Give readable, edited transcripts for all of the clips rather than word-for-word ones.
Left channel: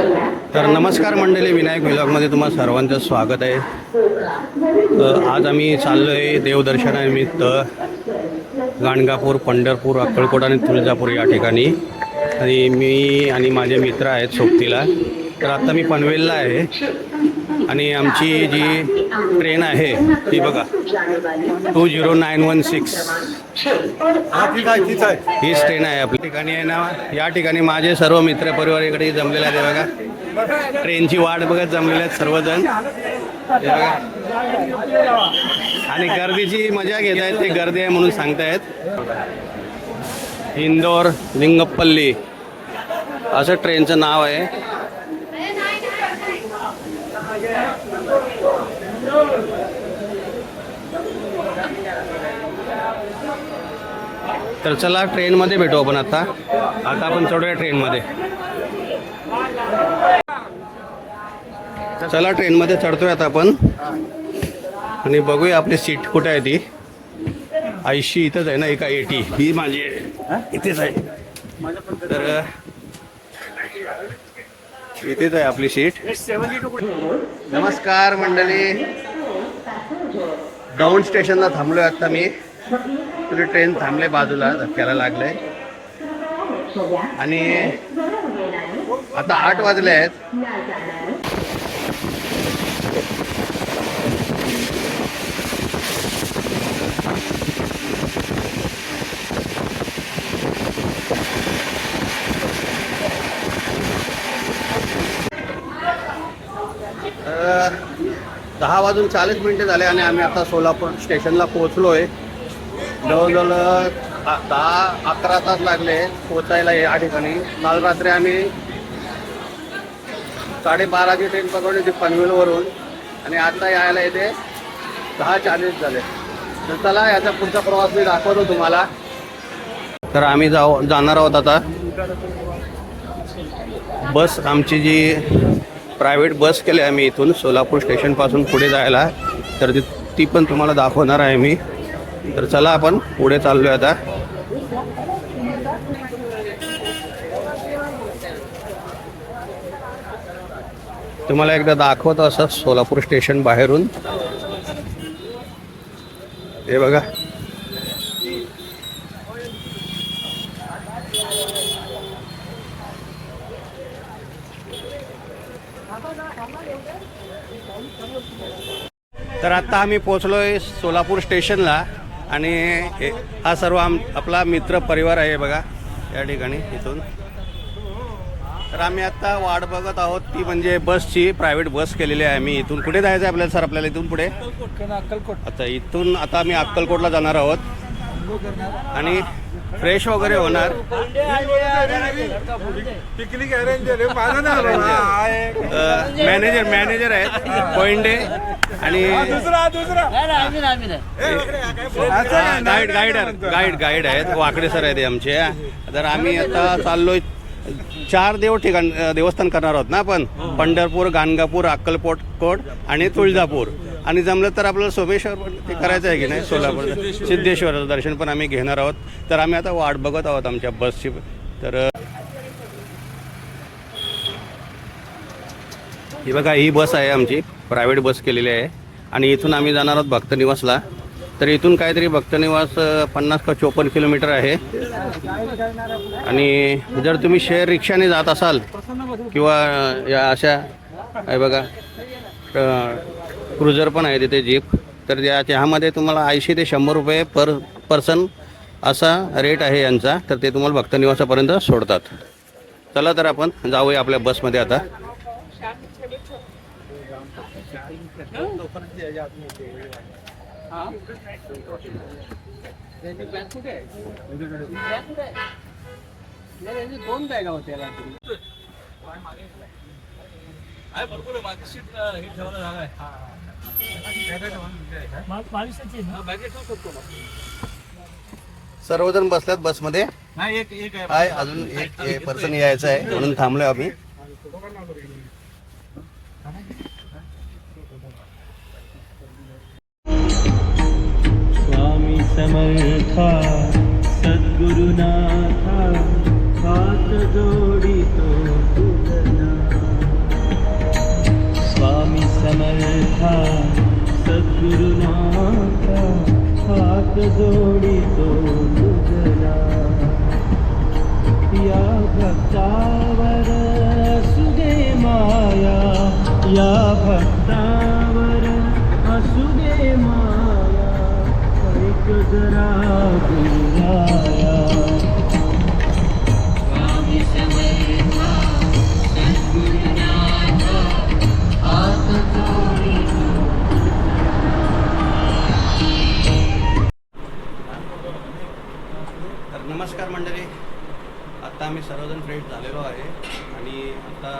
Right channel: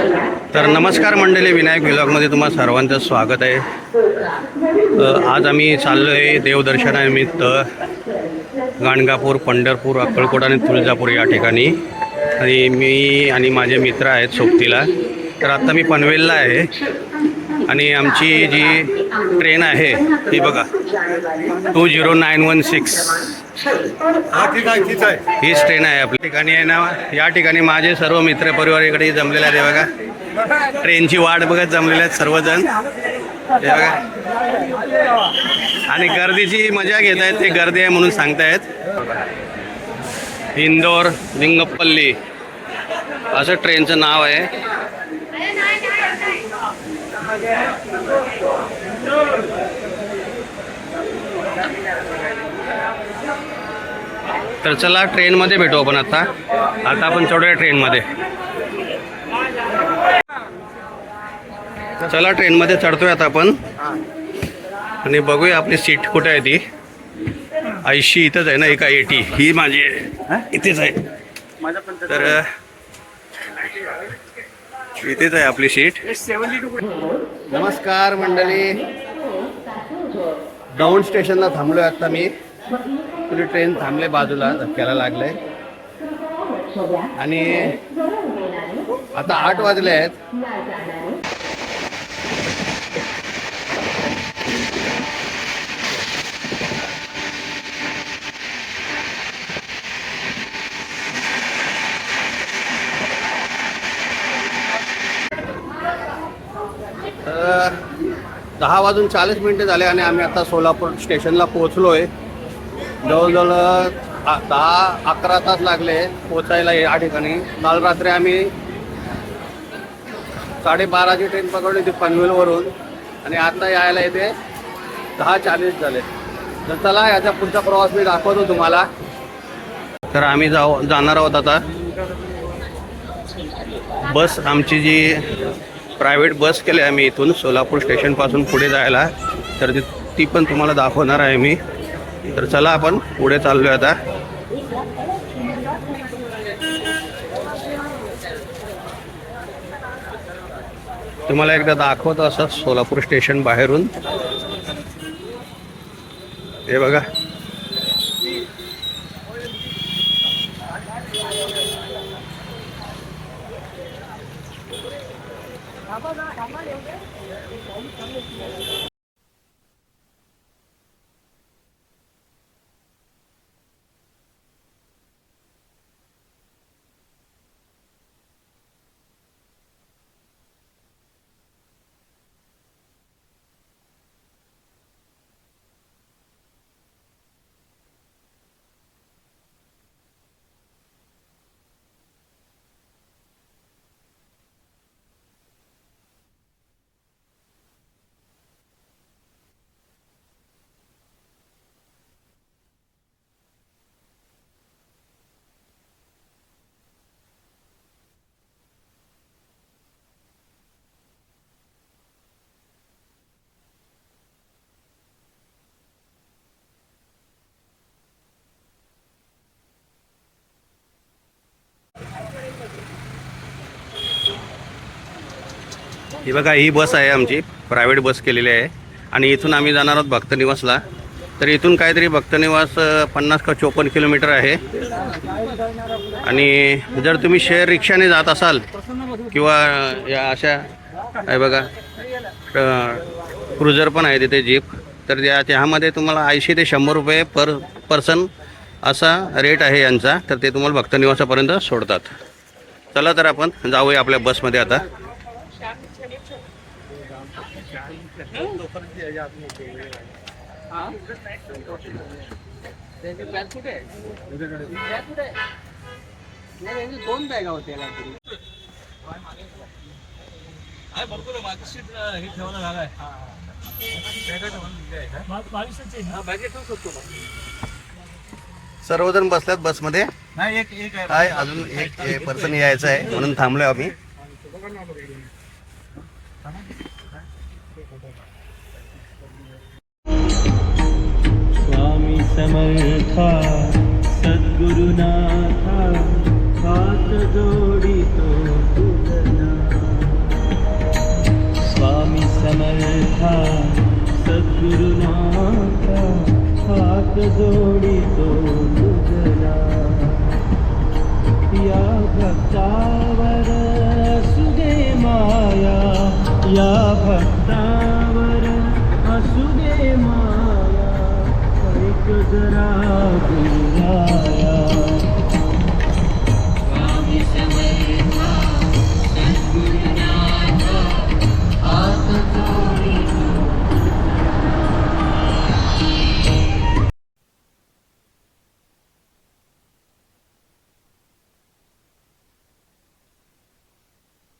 तर नमस्कार मंडळी, विनायक व्लॉगमध्ये तुम्हा सर्वांचं स्वागत आहे। आज आम्ही चाललो आहे देवदर्शनानिमित्त गाणगापूर, पंढरपूर, अक्कलकोट आणि तुळजापूर या ठिकाणी। आणि मी आणि माझे मित्र आहेत सोबतीला। तर आता मी पनवेलला आहे आणि आमची जी ट्रेन आहे ती बघा 20916 हीच ट्रेन आहे आपल्या ठिकाणी आहे ना। या ठिकाणी माझे सर्व मित्र परिवार इकडे जमलेले आहेत बघा, ट्रेनची वाट बघत जमलेले आहेत सर्वजण बघा। आणि गर्दीची मजा घेत आहेत, ते गर्दी आहे म्हणून सांगतायत। इंदोर लिंगप्पल्ली असं ट्रेनचं नाव आहे। तर चला ट्रेनमध्ये भेटू आपण आता आपण चढूया ट्रेनमध्ये। चला ट्रेनमध्ये चढतोय आता आपण आणि बघूया आपली सीट कुठे आहे। ती 80 इथंच आहे ना, एका 80 ही माझी इथेच आहे। तर इथेच आहे आपली सीट। नमस्कार मंडळी, दौंड स्टेशनला थांबलोय आता मी। तुझी ट्रेन थांबले बाजूला, धक्क्याला लागले आणि आता 8 वाजले आहेत। तर 10:40 झाले आणि आम्ही आता सोलापूर स्टेशनला पोहोचलोय। जवळजवळ 10-11 तास लागले पोचायला या ठिकाणी। काल रात्री आम्ही 12:30ची ट्रेन पकडली होती पनवेलवरून आणि आता यायला येते 10:40 झाले। तर चला याचा पुढचा प्रवास मी दाखवतो तुम्हाला। तर आम्ही जाणार आहोत आता बस, आमची जी प्रायव्हेट बस केली आहे मी इथून सोलापूर स्टेशनपासून पुढे जायला, तर ती पण तुम्हाला दाखवणार आहे मी। तर चला आपण पुढे चाललोय आता। तुम्हाला एकदा दाखवतो असं सोलापूर स्टेशन बाहेरून, हे बघा। तर आता आम्ही पोहोचलोय सोलापूर स्टेशनला आणि हा सर्व आपला मित्र परिवार आहे बघा या ठिकाणी इथून। तर आम्ही आता वाट बघत आहोत ती म्हणजे बसची, प्रायव्हेट बस केलेली आहे आम्ही। इथून कुठे जायचं आहे आपल्याला सर? आपल्याला इथून पुढे आता इथून आता आम्ही अक्कलकोटला जाणार आहोत आणि फ्रेश वगैरे होणार। मॅनेजर आहेत कोइंडे आणि गाईड आहेत वाकडे सर आहेत आमचे। तर आम्ही आता चाललोय 4 देवस्थान करणार आहोत ना आपण, पंढरपूर, गाणगापूर, अक्कलकोट आणि तुळजापूर। आणि जमलं तर आपल्याला सोमेश्वर पण ते करायचं आहे की नाही, सोलापूर सिद्धेश्वराचं दर्शन पण आम्ही घेणार आहोत। तर आम्ही आता वाट बघत आहोत आमच्या बसची। तर ही बघा, ही बस आहे आमची, प्रायव्हेट बस केलेली आहे आणि इथून आम्ही जाणार आहोत भक्तनिवासला। तर इथून काहीतरी भक्तनिवास 50 का 54 किलोमीटर आहे। आणि जर तुम्ही शेअर रिक्षाने जात असाल किंवा या अशा आहे बघा क्रुझर पण आहे तिथे, जीप, तर त्यामध्ये तुम्हाला 80 ते 100 रुपये पर पर्सन असा रेट आहे यांचा। तर ते तुम्हाला भक्तनिवासापर्यंत सोडतात। चला तर आपण जाऊया आपल्या बसमध्ये आता। सर्वजण बसल्यात बसमध्ये, काय अजून एक पर्सन यायचं आहे म्हणून थांबलोय आम्ही। स्वामी समर्था सद्गुरुनाथा हात जोडितो तुझना। मोठा सद्गुरुनाथा हात जोडितो तुझला या भक्तावर असू दे माया या भक्तावर असू दे माया ऐक जरा गुरुराया स्वामी समर्था सद्गुरुनाथा हात जोडितो तर नमस्कार मंडळी, आता आम्ही सर्वजण फ्रेंड्स झालेलो आहे आणि आता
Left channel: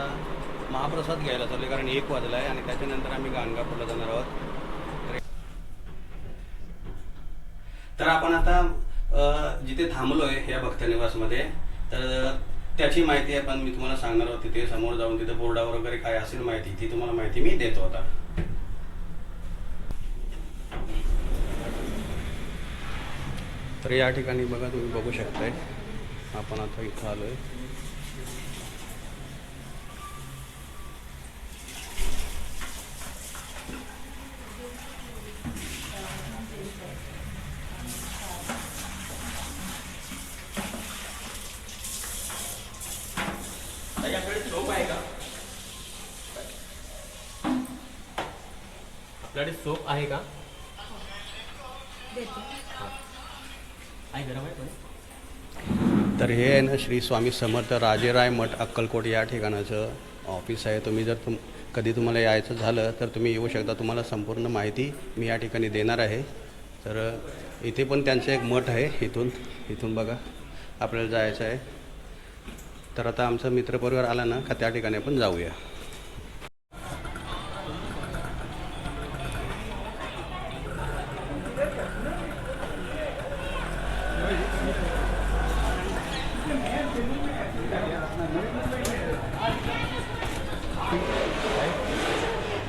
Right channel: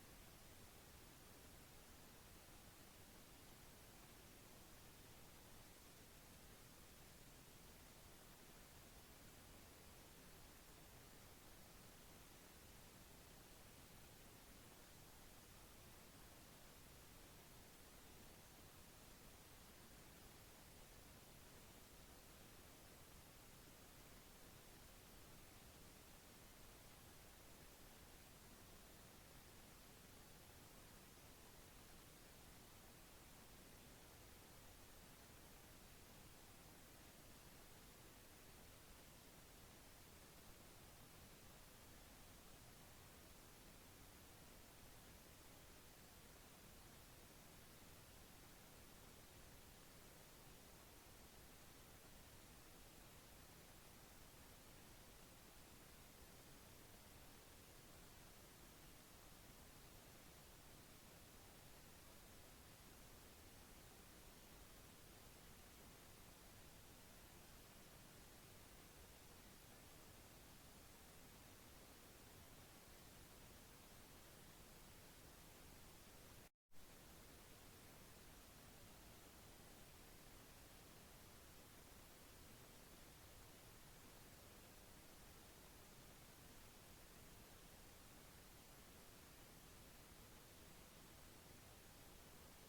महाप्रसाद घ्यायला चाललो कारण 1 वाजला आहे आणि त्याच्यानंतर आम्ही गाणगापूरला जाणार आहोत. तर आपण आता जिथे थांबलो आहे या भक्तनिवासमध्ये, तर त्याची माहिती आहे पण मी तुम्हाला सांगणार आहोत. तिथे समोर जाऊन तिथे बोर्डावर वगैरे काय असेल माहिती ती तुम्हाला माहिती मी देतो आता. तर या ठिकाणी बघा, तुम्ही बघू शकताय आपण आता इथं आलोय. आपल्याकडे सोप आहे का? आहे गरम आहे पण. तर हे आहे ना श्री स्वामी समर्थ राजेराय मठ अक्कलकोट या ठिकाणाचं ऑफिस आहे. तुम्ही जर कधी तुम्हाला यायचं झालं तर तुम्ही येऊ शकता. तुम्हाला संपूर्ण माहिती मी या ठिकाणी देणार आहे. तर इथे पण त्यांचं एक मठ आहे. इथून बघा आपल्याला जायचं आहे. तर आता आमचा मित्रपरिवार आला ना का त्या ठिकाणी आपण जाऊया.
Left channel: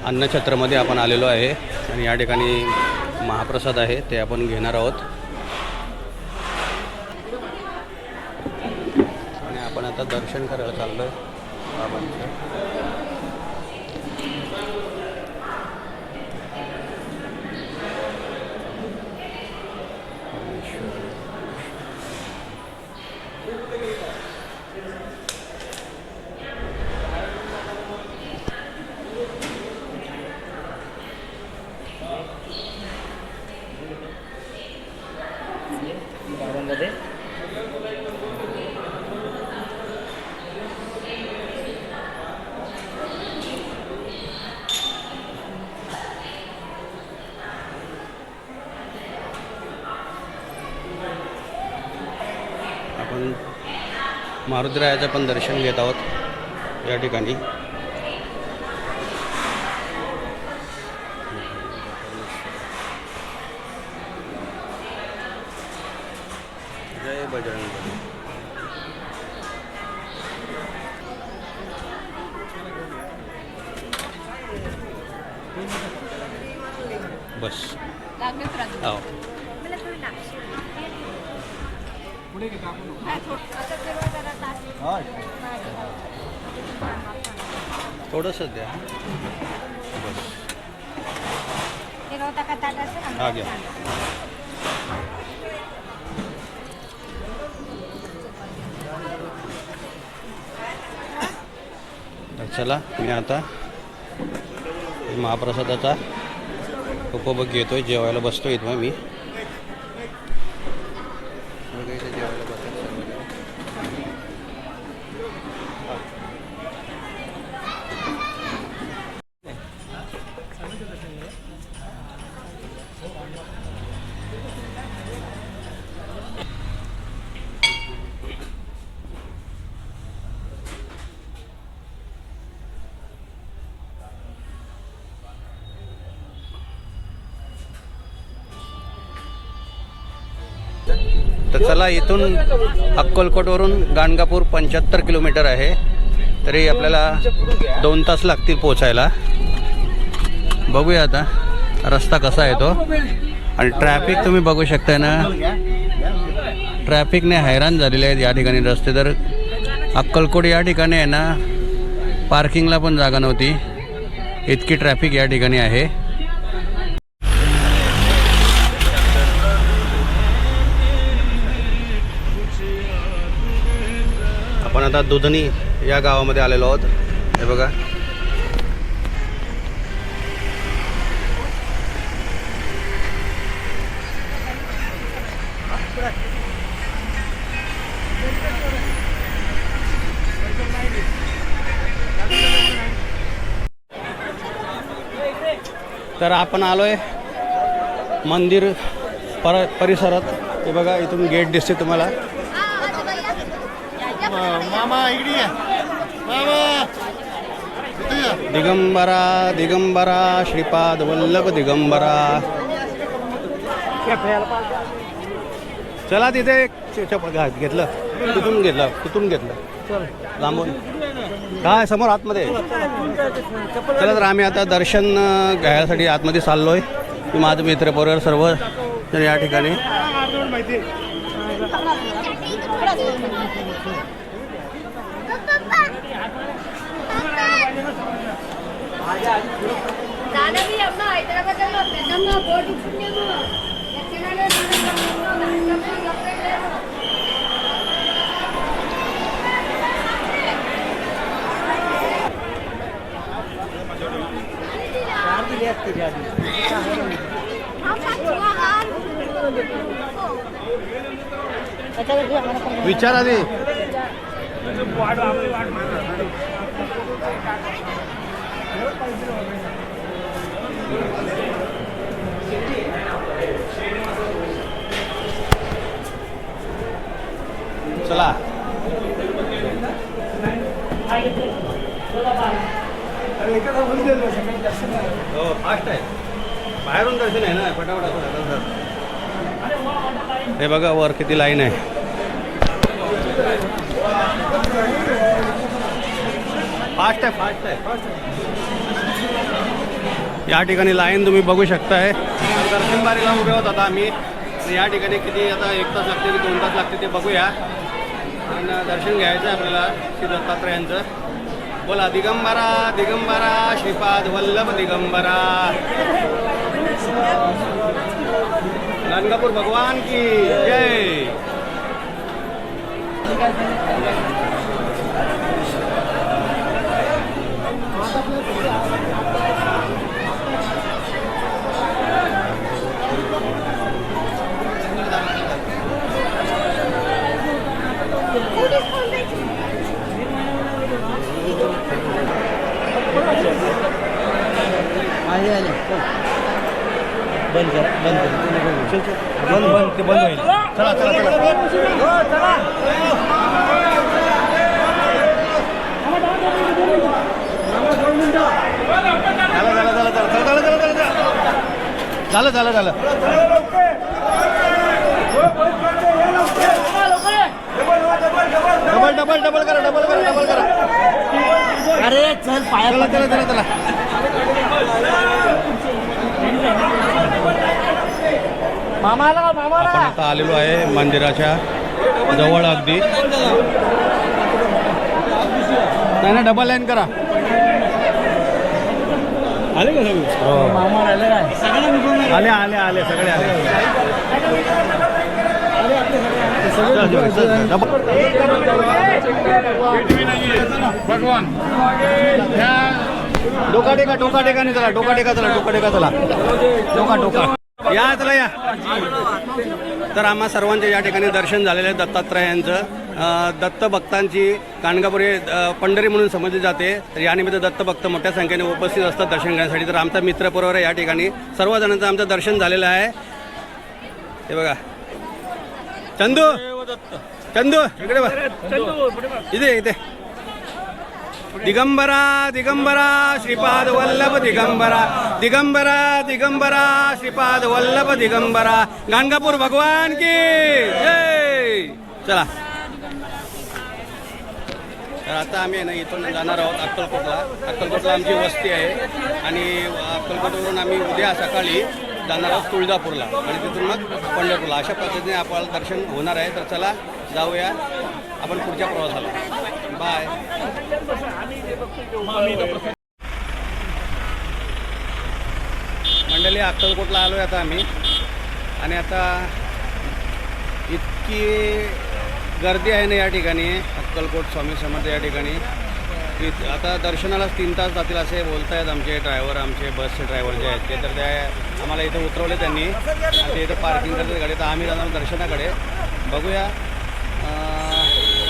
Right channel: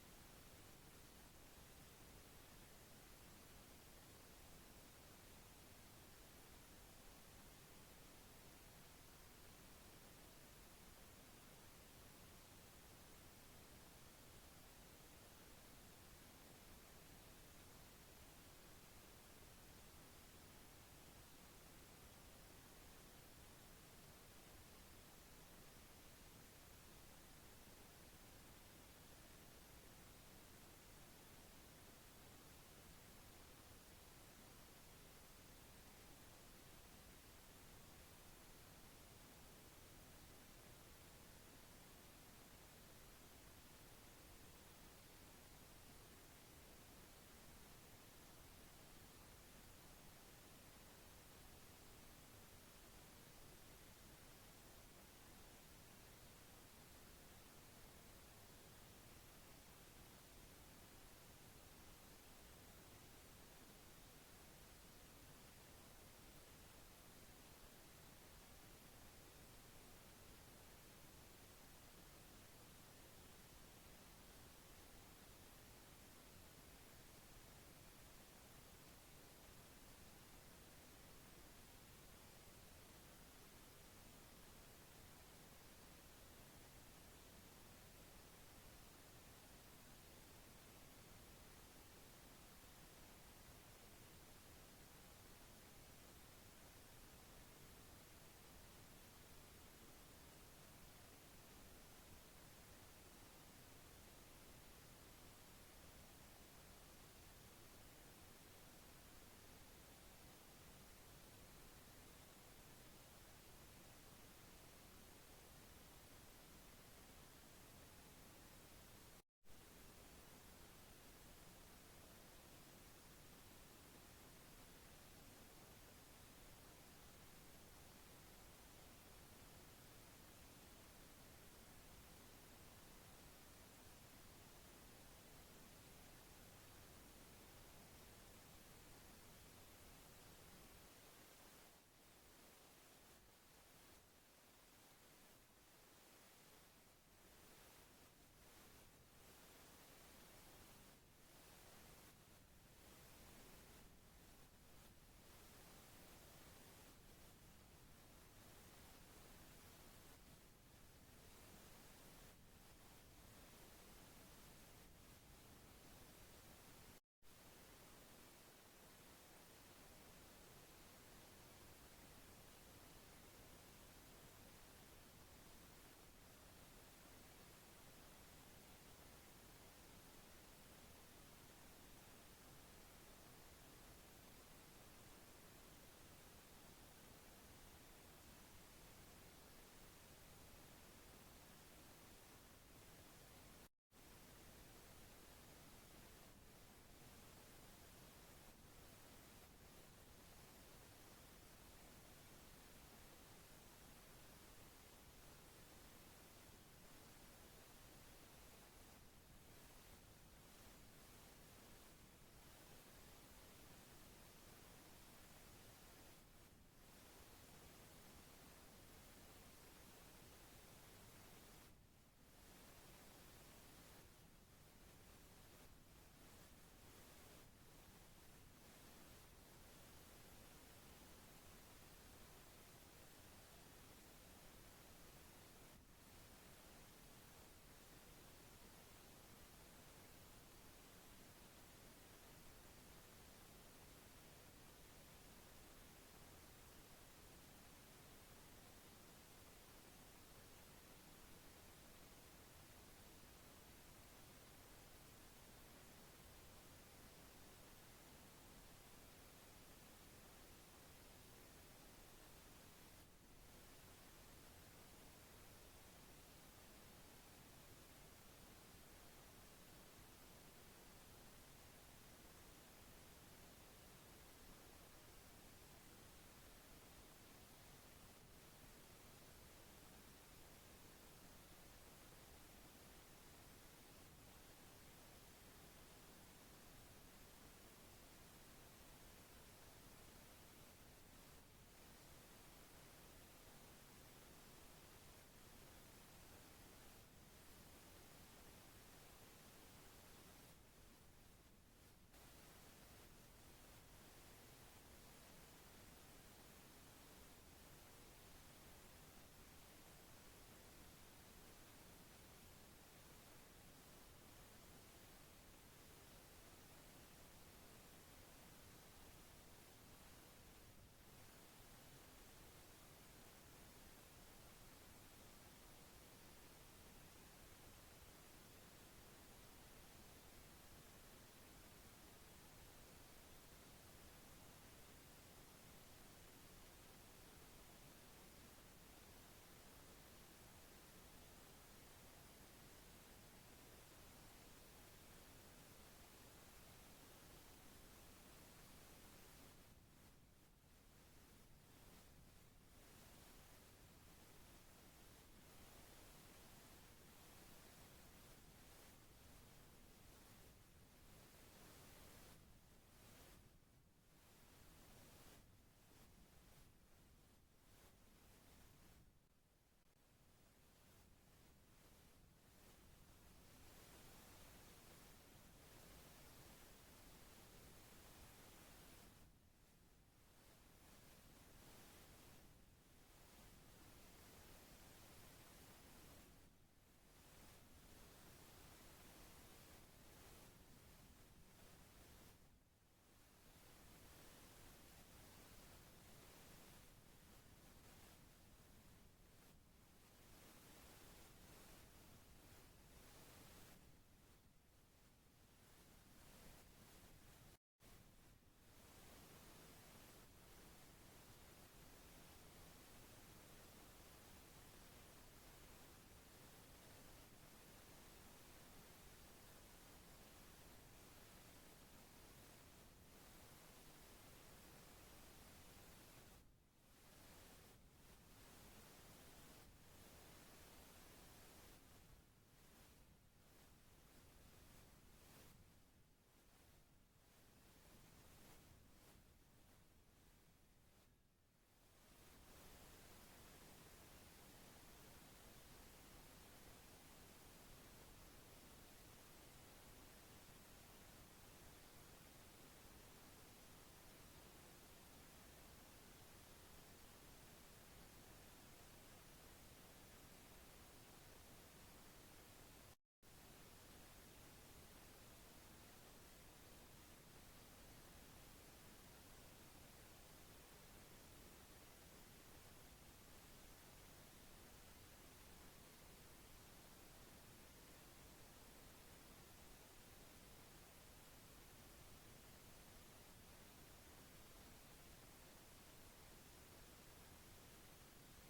अन्नछत्रमध्ये आपण आलेलो आहे आणि या ठिकाणी महाप्रसाद आहे ते आपण घेणार आहोत. आणि आपण आता दर्शन करायला चाललो आहे बाबांचं. आपण मारुतीरायाचं पण दर्शन घेत आहोत या ठिकाणी. जय बजरंगबली. बस आओ. थोडंसं द्या बस. हा घ्या. तर चला मी आता महाप्रसादाचा उपभोग घेतोय. जेवायला बसतो इथं मी. जेवायला बसतो. तर चला, इथून अक्कलकोटवरून गाणगापूर 75 किलोमीटर आहे. तरी आपल्याला 2 तास लागतील पोचायला. बघूया आता रस्ता कसा आहे तो. आणि ट्रॅफिक तुम्ही बघू शकताय ना, ट्रॅफिकने हैराण झालेले आहेत या ठिकाणी रस्ते. तर अक्कलकोट या ठिकाणी आहे ना, पार्किंगला पण जागा नव्हती, इतकी ट्रॅफिक या ठिकाणी आहे. आता दुधनी या गावामध्ये आलेलो आहोत. हे बघा तर आपण आलोय मंदिर परिसरात. हे बघा इथून गेट दिसते तुम्हाला. मामा इकडे या. मामा इथे या. दिगंबरा दिगंबरा श्रीपाद वल्लभ दिगंबरा. चला तिथे घेतलं तिथून घेतलं लांबून काय समोर आतमध्ये. चला तर आम्ही आता दर्शन घ्यायसाठी आतमध्ये चाललोय. मी माझं मित्र बरोबर सर्व तर या ठिकाणी. विचार आधी. चला हो फास्ट आहे. बाहेरून दर्शन आहे ना फटाफट असं. हे बघा वर किती लाईन आहे. फास्ट आहे. या ठिकाणी लाईन तुम्ही बघू शकताय. दर्शन बारीला उभे होत आता आम्ही. या ठिकाणी किती आता 1 तास लागते की 2 तास लागते ते बघूया. आणि दर्शन घ्यायचं आहे आपल्याला श्री दत्तात्रयांचं. बोला दिगंबरा दिगंबरा श्रीपाद वल्लभ दिगंबरा. गाणगापूर भगवान की जय. बंद होईल. चला चला चला. झालं. डबल करा. अरे चल पाया. चला. आपण आता आलेलो आहे मंदिराच्या जवळ अगदी. नाही ना डबल लाईन करा. आले का सगळे. आले सगळे आले. भगवान डोका टेका नाही. चला डोका या चला या. तर आम्हा सर्वांचे या ठिकाणी दर्शन झालेलं आहे दत्तात्रयांचं. दत्त भक्तांची गाणगापूर पंढरी म्हणून समजली जाते. तर यानिमित्त दत्त भक्त मोठ्या संख्येने उपस्थित असतात दर्शन घेण्यासाठी. तर आमचा मित्रपरिवार या ठिकाणी सर्वजणांचं आमचं दर्शन झालेलं आहे. हे बघा चंदू इकडे बघ. इथे दिगंबरा श्रीपाद वल्लभ दिगंबरा श्रीपाद वल्लभ दिगंबरा. गाणगापूर भगवान की जय. चला तर आता आम्ही ना इथून जाणार आहोत अक्कलकोटला आमची वस्ती आहे. आणि अक्कलकोटवरून आम्ही उद्या सकाळी जाणार आहोत तुळजापूरला आणि तिथून मग पंढरपूरला. अशा पद्धतीने आपल्याला दर्शन होणार आहे. तर चला जाऊया आपण पुढच्या प्रवासाला. बाय. मंडळी अक्कलकोटला आलो आहे आता आम्ही. आणि आता इतकी गर्दी आहे ना या ठिकाणी अक्कलकोट स्वामी समर्थ या ठिकाणी. आता दर्शनाला 3 तास जातील असे बोलत आहेत आमचे ड्रायव्हर, आमचे बसचे ड्रायव्हर जे आहेत ते. तर त्या आम्हाला इथं उतरवले त्यांनी. ते इथं पार्किंग करते गाडी. तर आम्ही जाणार दर्शनाकडे. बघूया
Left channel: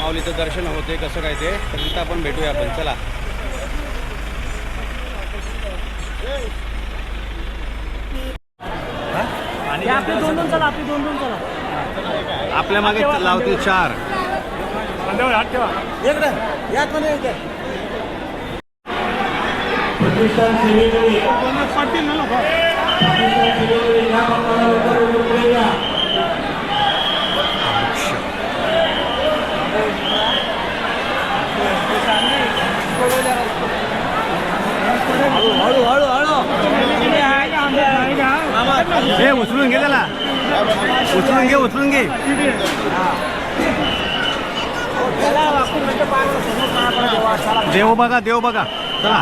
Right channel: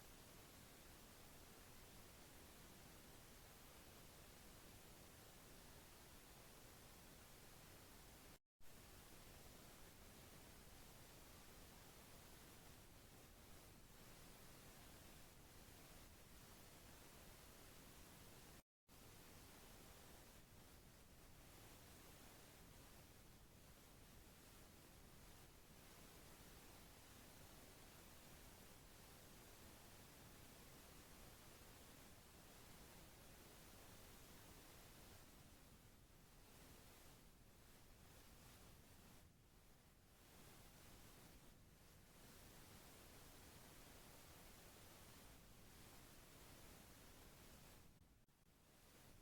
माऊलीचं दर्शन होते कसं काय ते. तर तिथं आपण भेटूया आपण. चला. आपले दोन चला, आपले दोन चला. आपल्या मागे लावतील 4. हे उचलून घे त्याला. उचलून घे. देव बघा. चला.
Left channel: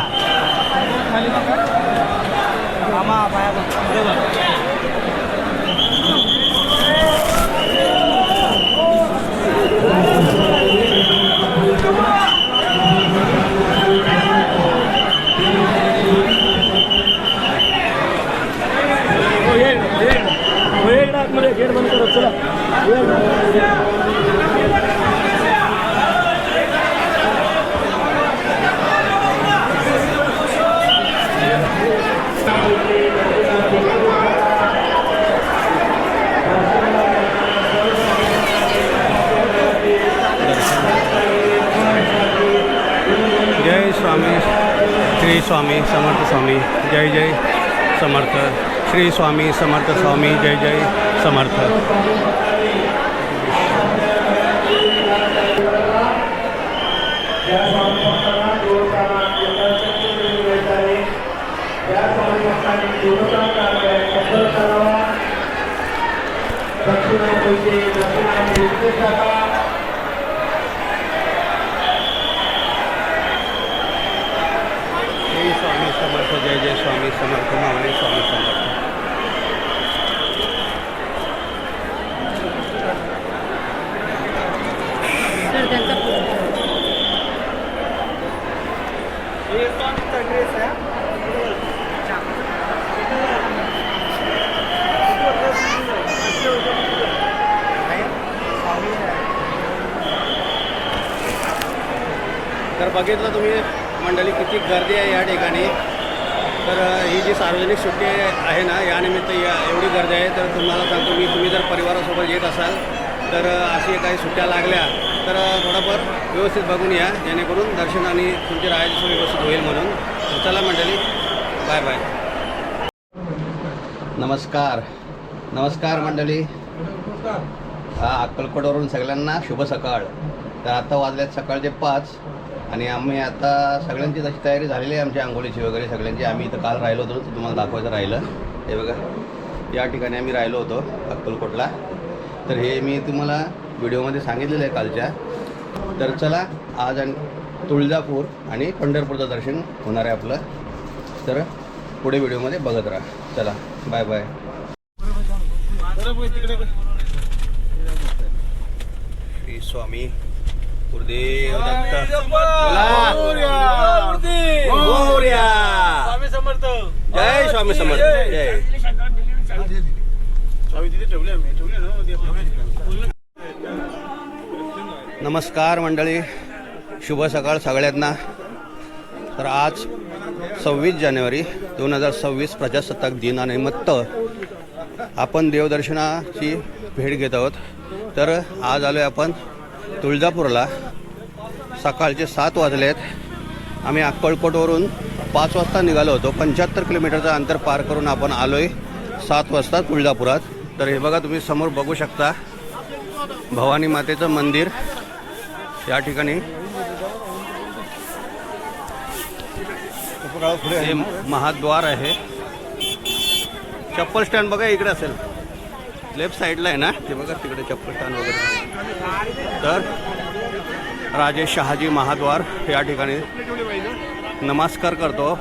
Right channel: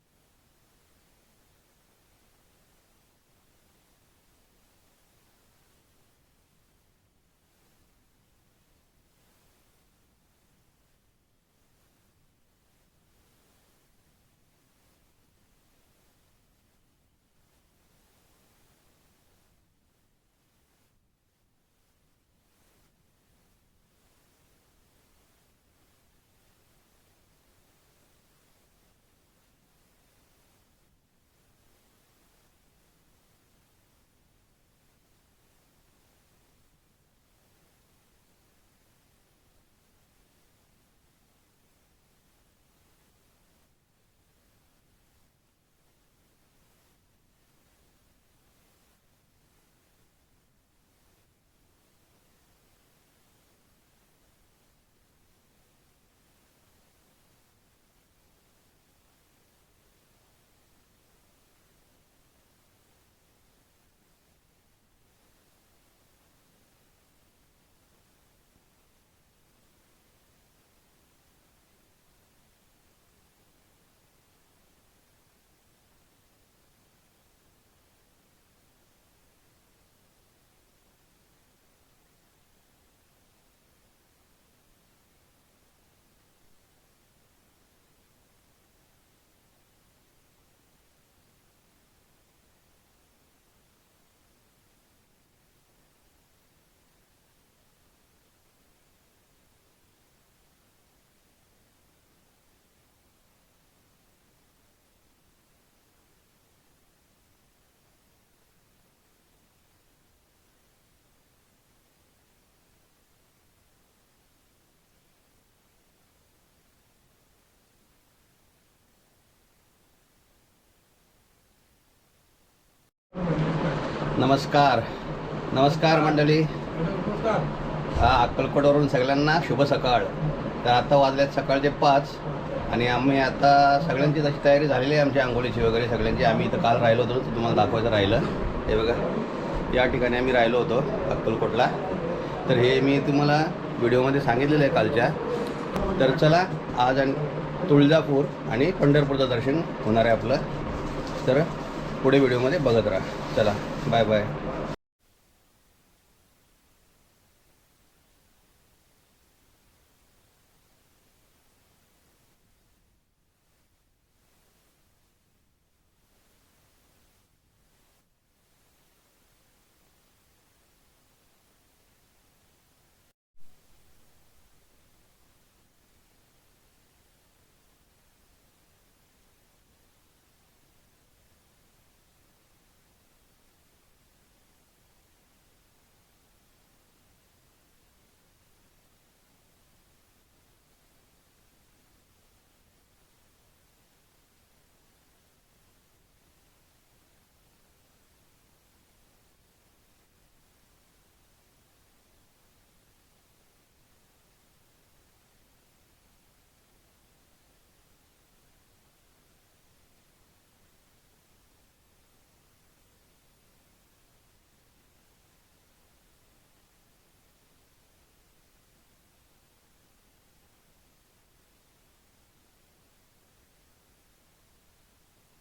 गेट बंद करो. चला. जय स्वामी श्री स्वामी समर्थ स्वामी. जय समर्थ श्री स्वामी समर्थ स्वामी. जय समर्थ. श्री स्वामी समर्थ. जय स्वामी समर्थ. माऊली स्वामी समर्थ. तर बघितलं तुम्ही मंडळी किती गर्दी आहे या ठिकाणी. तर ही जी सार्वजनिक सुट्टी आहे ना यानिमित्त एवढी गर्दी आहे. तर तुम्हाला सांगतो मी, तुम्ही जर परिवारासोबत येत असाल तर अशी काही सुट्ट्या लागल्या तर थोडंफार व्यवस्थित बघून या, जेणेकरून दर्शन आणि तुमची राहायची सोय व्यवस्थित होईल म्हणून. तर चला मंडळी, बाय बाय. नमस्कार मंडळी. अक्कलकोटवरून सगळ्यांना शुभ सकाळ. तर आता वाजल्यात सकाळचे 5 आणि आम्ही आता सगळ्यांची तशी तयारी झालेली आहे आमच्या आंघोळीची वगैरे सगळ्यांची. आम्ही इथं काल राहिलो होतो, तर तुम्हाला दाखवायचं राहिलं. हे बघा, या ठिकाणी आम्ही राहिलो होतो अक्कलकोटला. तर हे मी तुम्हाला व्हिडिओमध्ये सांगितलेलं आहे कालच्या. तर चला, आज आणि तुळजापूर आणि पंढरपूरचं दर्शन होणार आहे आपलं. तर पुढे व्हिडिओमध्ये बघत राहा. चला, बाय बाय. श्री स्वामी गुरुदेव दत्त. स्वामी समर्थ. जय स्वामी समर्थ. जय. नमस्कार मंडळी, शुभ सकाळ सगळ्यांना. तर आज 26 जानेवारी 2026 प्रजासत्ताक दिनानिमित्त आपण देवदर्शनाची भेट घेत आहोत. तर आज आलो आहे आपण तुळजापूरला. सकाळचे 7 वाजलेत. आम्ही अक्कलकोटवरून 5 वाजता निघालो होतो. 75 किलोमीटरचं अंतर पार करून आपण आलो आहे 7 वाजता तुळजापुरात. तर हे बघा, तुम्ही समोर बघू शकता भवानी मातेचं मंदिर या ठिकाणी. हे महाद्वार आहे. चप्पल स्टँड बघा इकडे असेल, लेफ्ट साईडला आहे ना, ते बघा तिकडे चप्पल स्टँड वगैरे. तर राजे शहाजी महाद्वार या ठिकाणी नमस्कार करतो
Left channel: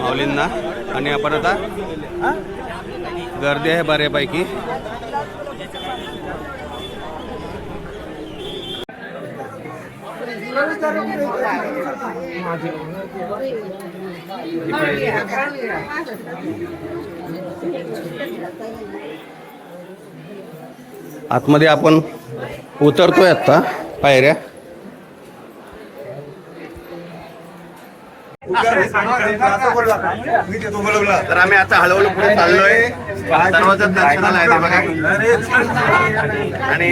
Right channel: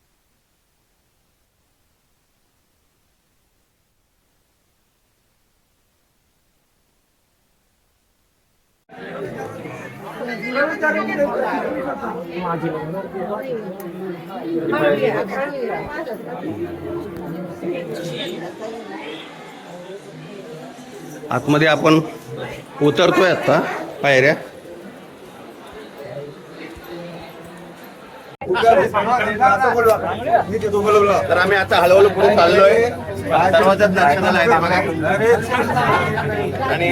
माऊलींना. आणि आपण आता गर्दी आहे बऱ्यापैकी. आतमध्ये आपण उतरतोय आता पायऱ्या. तर आम्ही आता हळूहळू पुढे चाललोय. सर्वजण दर्शनाला आहे ते बघा. आणि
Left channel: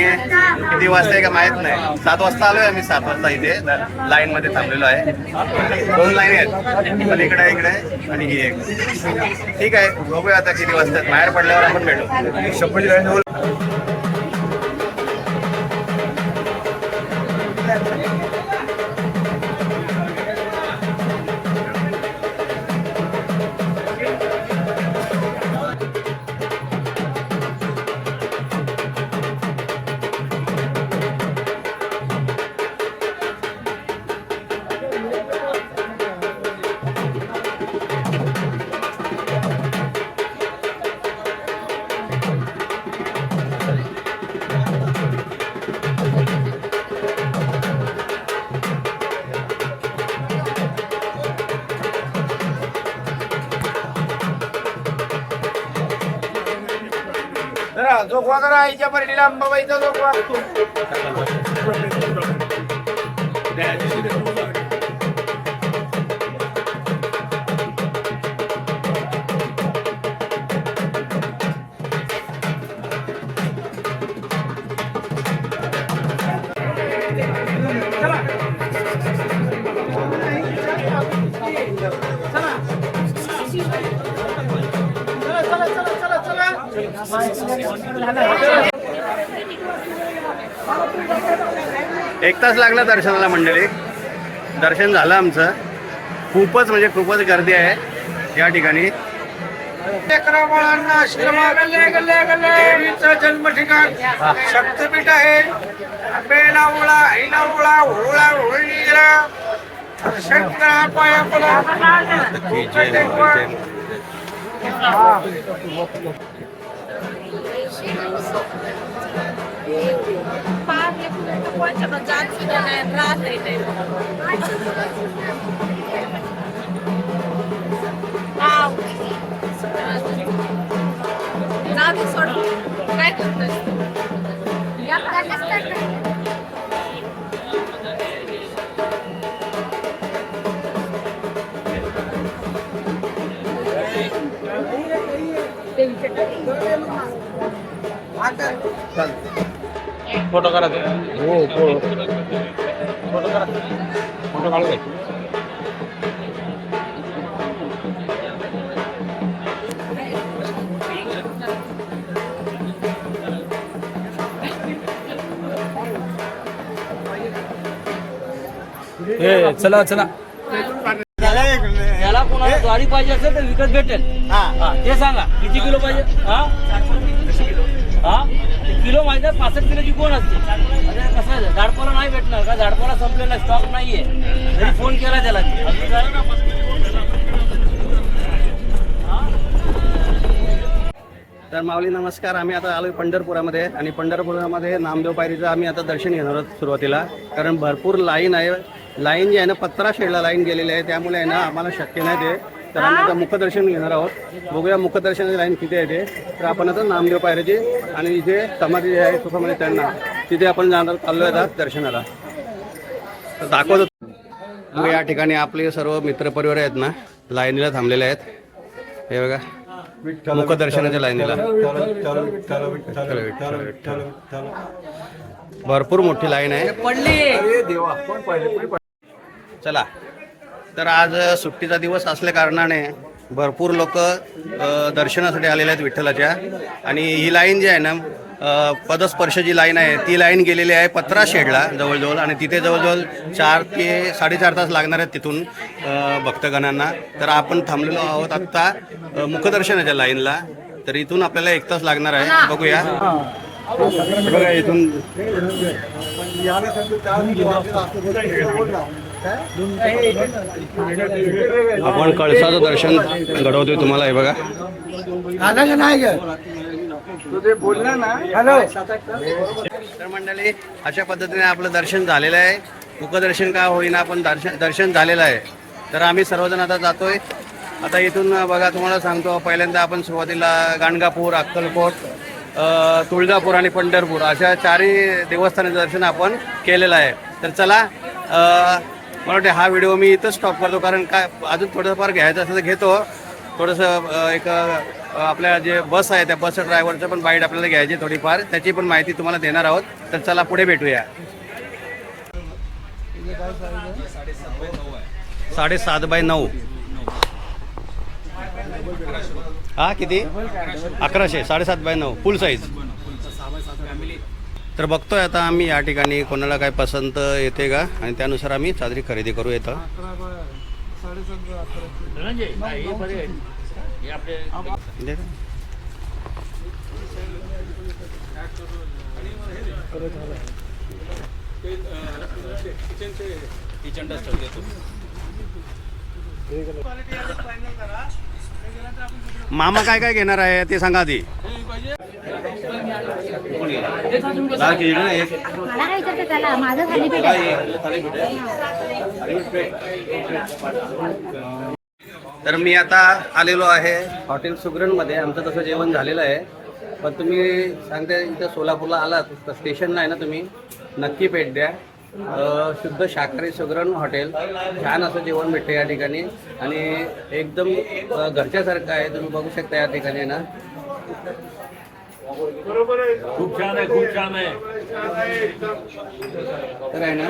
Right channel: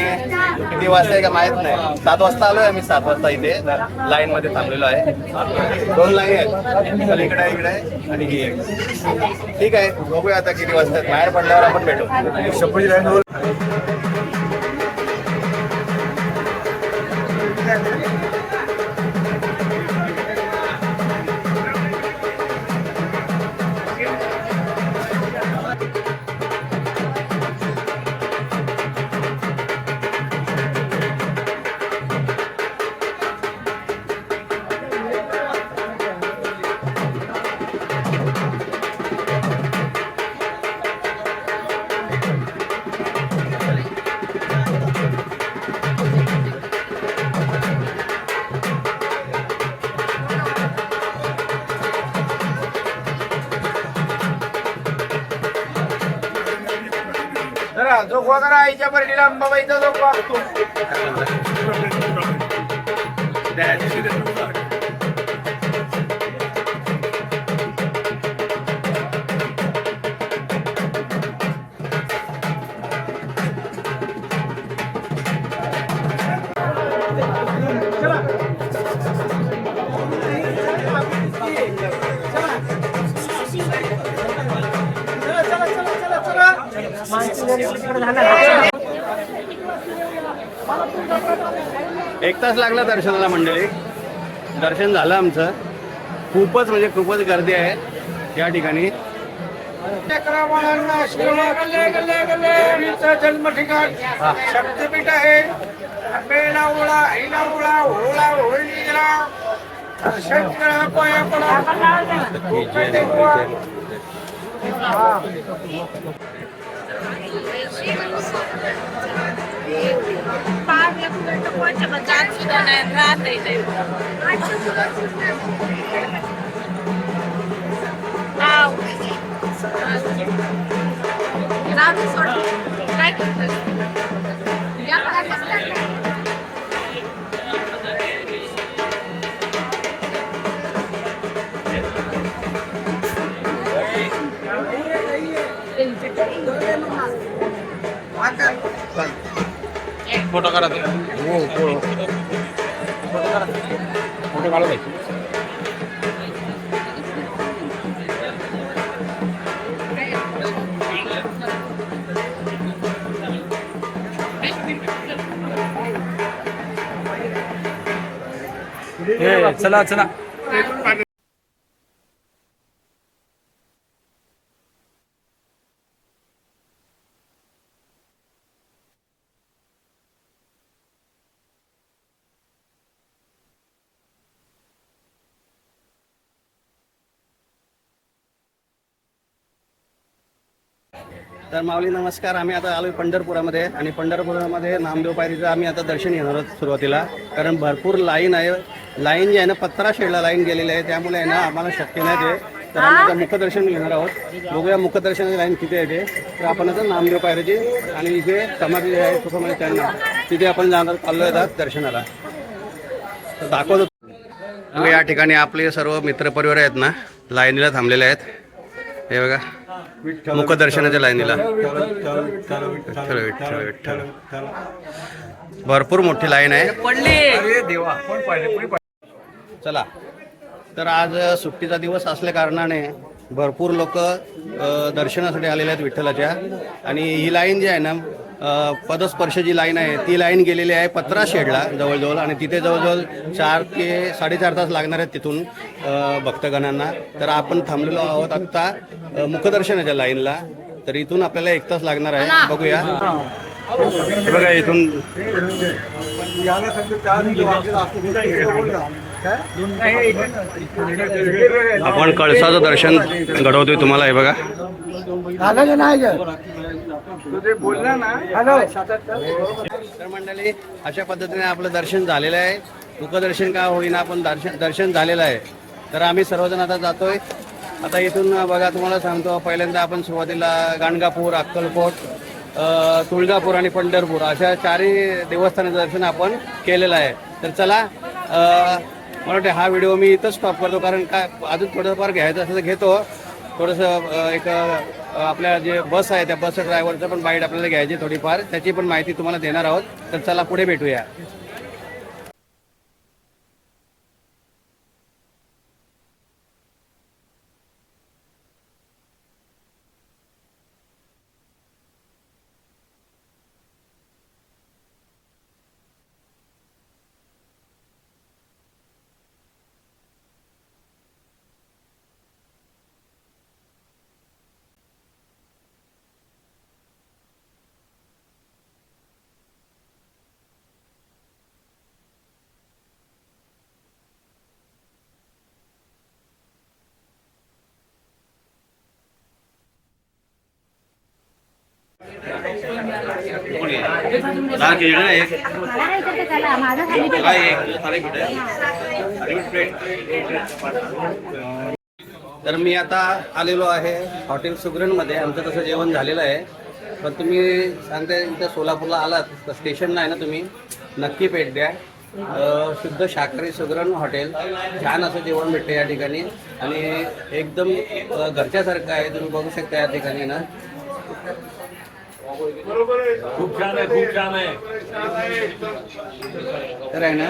किती वाजता आहे का माहित नाही. 7 वाजता आलोय आम्ही. 7 वाजता इथे लाईन मध्ये थांबलेलो आहे. 2 लाईन आहेत, पलीकडे इकडे आणि ही एक. ठीक आहे, बघूया आता किती वाजता. बाहेर पडल्यावर आपण भेटू. जोगवा करा आईच्या बर्डीला अंबाबाईचा जोगवा. एक तास लागला दर्शनाला मंडळी. दर्शन झालं आमचं. खूपच म्हणजे खूपच गर्दी आहे या ठिकाणी. लेकराबाळांना आश्रमात गल्ले गल्ले गल्ले देवीचं जन्म ठिकाण शक्तपीठ आहे. आंबेला ओळा, आईला ओळा, होळा होळी गेला. दर्शन करा, पाया पडा. फोटो करा तुम्ही. हो फोटो करा. फोटो काढू द्या. चला चला. याला कोणाला ज्वारी पाहिजे असेल तर विकत भेटेल. हा, ते सांगा किती किलो पाहिजे. हा किलो माहिती आहे. 65 किलोची कोण असते. अरे कसं आहे, झाडपाला नाही भेटणार का. झाडपाला संपलेला स्टॉक नाहीये. जरी फोन केला त्याला. तर माऊली नमस्कार. आम्ही आता आलोय पंढरपुरामध्ये. आणि पंढरपुरामध्ये नामदेव पायरीचं आम्ही आता दर्शन घेणार आहोत सुरुवातीला. कारण भरपूर लाईन आहे. लाईन जी आहे ना 15 शेडला लाईन गेलेली आहे. त्यामुळे आहे ना आम्हाला शक्य नाही ते. तर आम्ही आता मुखदर्शन घेणार आहोत. बघूया मुखदर्शनाची लाईन किती आहे ते. तर आपण आता नामदेव पायरीची आणि इथे समाधी जी आहे सुखमणी त्यांना तिथे आपण जाणार चाललोय आता दर्शनाला. तर दाखवतो. या ठिकाणी आपले सर्व मित्रपरिवार आहेत ना लाईनीला थांबलेले आहेत. हे बघा मुखदर्शनाच्या लाईनीला. विठ्ठल विठ्ठल विठ्ठल. भरपूर मोठी लाईन आहे. चला. तर आज सुट्टीचा दिवस असल्या कारणाने भरपूर लोक दर्शनासाठी आलेले आहेत विठ्ठलाच्या. आणि ही लाईन जी आहे ना पदस्पर्श जी लाईन आहे ती लाईन गेलेली आहे 15 शेडला जवळजवळ. आणि तिथे जवळजवळ 4 ते 4.5 तास लागणार आहेत तिथून भक्तगणांना. तर आपण थांबलेलो आहोत आत्ता मुखदर्शनाच्या लाईनला. तर इथून आपल्याला 1 तास लागणार आहे. बघूया. बघा इथून आपण कळसाचं दर्शन घडवतोय तुम्हाला. हे बघा तर मंडळी अशा पद्धतीने आपलं दर्शन झालेलं आहे. मुखदर्शन का होईना पण दर्शन झालेलं आहे. तर आम्ही सर्वजण आता जातोय. आता इथून बघा तुम्हाला सांगतो, पहिल्यांदा आपण सुरुवातीला गाणगापूर, अक्कलकोट, तुळजापूर आणि पंढरपूर अशा 4ही देवस्थानाचं दर्शन आपण केलेलं आहे. तर चला मला वाटते हा व्हिडिओ मी इथंच स्टॉप करतो, कारण काय अजून थोडंफार घ्यायचं असं तर घेतो. थोडंसं एक आपल्या जे बस आहे त्या बसचं ड्रायव्हरचं पण बाईट आपल्याला घ्यायची थोडीफार, त्याची पण माहिती तुम्हाला देणार आहोत. तर चला पुढे भेटूया. 7.5x9. हा किती? 1100. 7.5x9 फुल साईज. तर बघतोय आता आम्ही या ठिकाणी कोणाला काय पसंत येते का, आणि त्यानुसार आम्ही चादरी खरेदी करू. येतं मामा काय काय घेणार आहे ते सांगा आधी. तर मी आता आलेलो आहे हॉटेल सुगरणमध्ये. आमचं तसं जेवण झालेलं आहे, पण तुम्ही सांगते इथं सोलापूरला आलात तर स्टेशनला आहे ना, तुम्ही नक्की भेट द्या. शुद्ध शाकाहारी सुगरण हॉटेल, छान असं जेवण भेटते या ठिकाणी आणि एकदम घरच्यासारखं आहे. तुम्ही बघू शकता या ठिकाणी ना. खूप छान आहे, खूप छान आहे. तर आहे ना,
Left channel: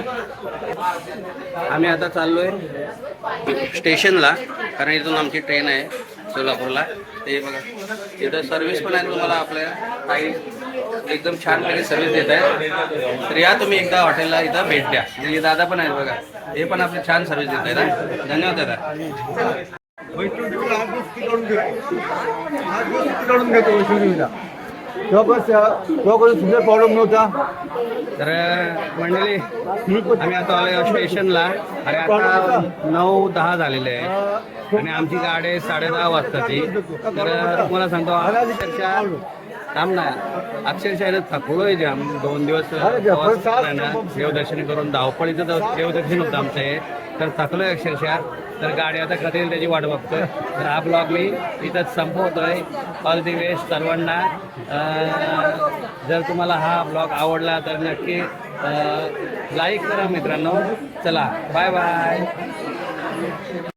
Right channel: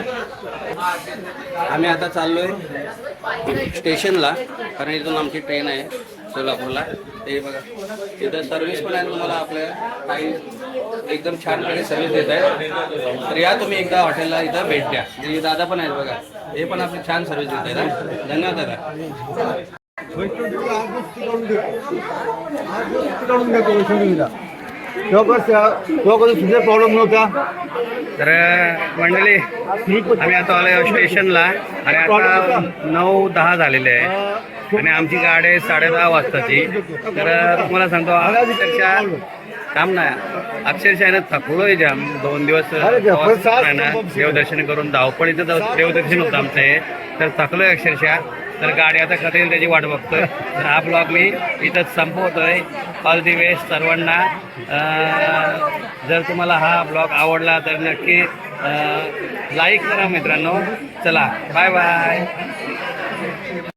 आम्ही आता चाललोय स्टेशनला, कारण इथून आमची ट्रेन आहे सोलापूरला. ते बघा इथं सर्व्हिस पण आहे तुम्हाला, आपल्या काही एकदम छान प्रकारे सर्व्हिस देत आहेत. तर या तुम्ही एकदा हॉटेलला इथं भेट द्या. हे दादा पण आहेत बघा, हे पण आपली छान सर्व्हिस देत आहेत. धन्यवाद दादा. प्रॉब्लेम नव्हता. तर मंडळी आम्ही आता आलो स्टेशनला आणि आता 9:10 झालेले आहे आणि आमची गाडी आहे 10:30 वाजताची. तर तुम्हाला सांगतो अक्षरशः काम नाही, अक्षरशः थकलोय जाम. 2 दिवस आहे ना देवदर्शन करून, धावपळीचं देवदर्शन होतं आमचं हे. तर थकलोय अक्षरशः. तर गाडी आता कधी येईल त्याची वाट बघतोय. तर हा ब्लॉग मी इथंच संपवतोय. ऑल दी बेस्ट सर्वांना. जर तुम्हाला हा ब्लॉग आवडला तर नक्की लाईक करा मित्रांनो. चला बाय बाय.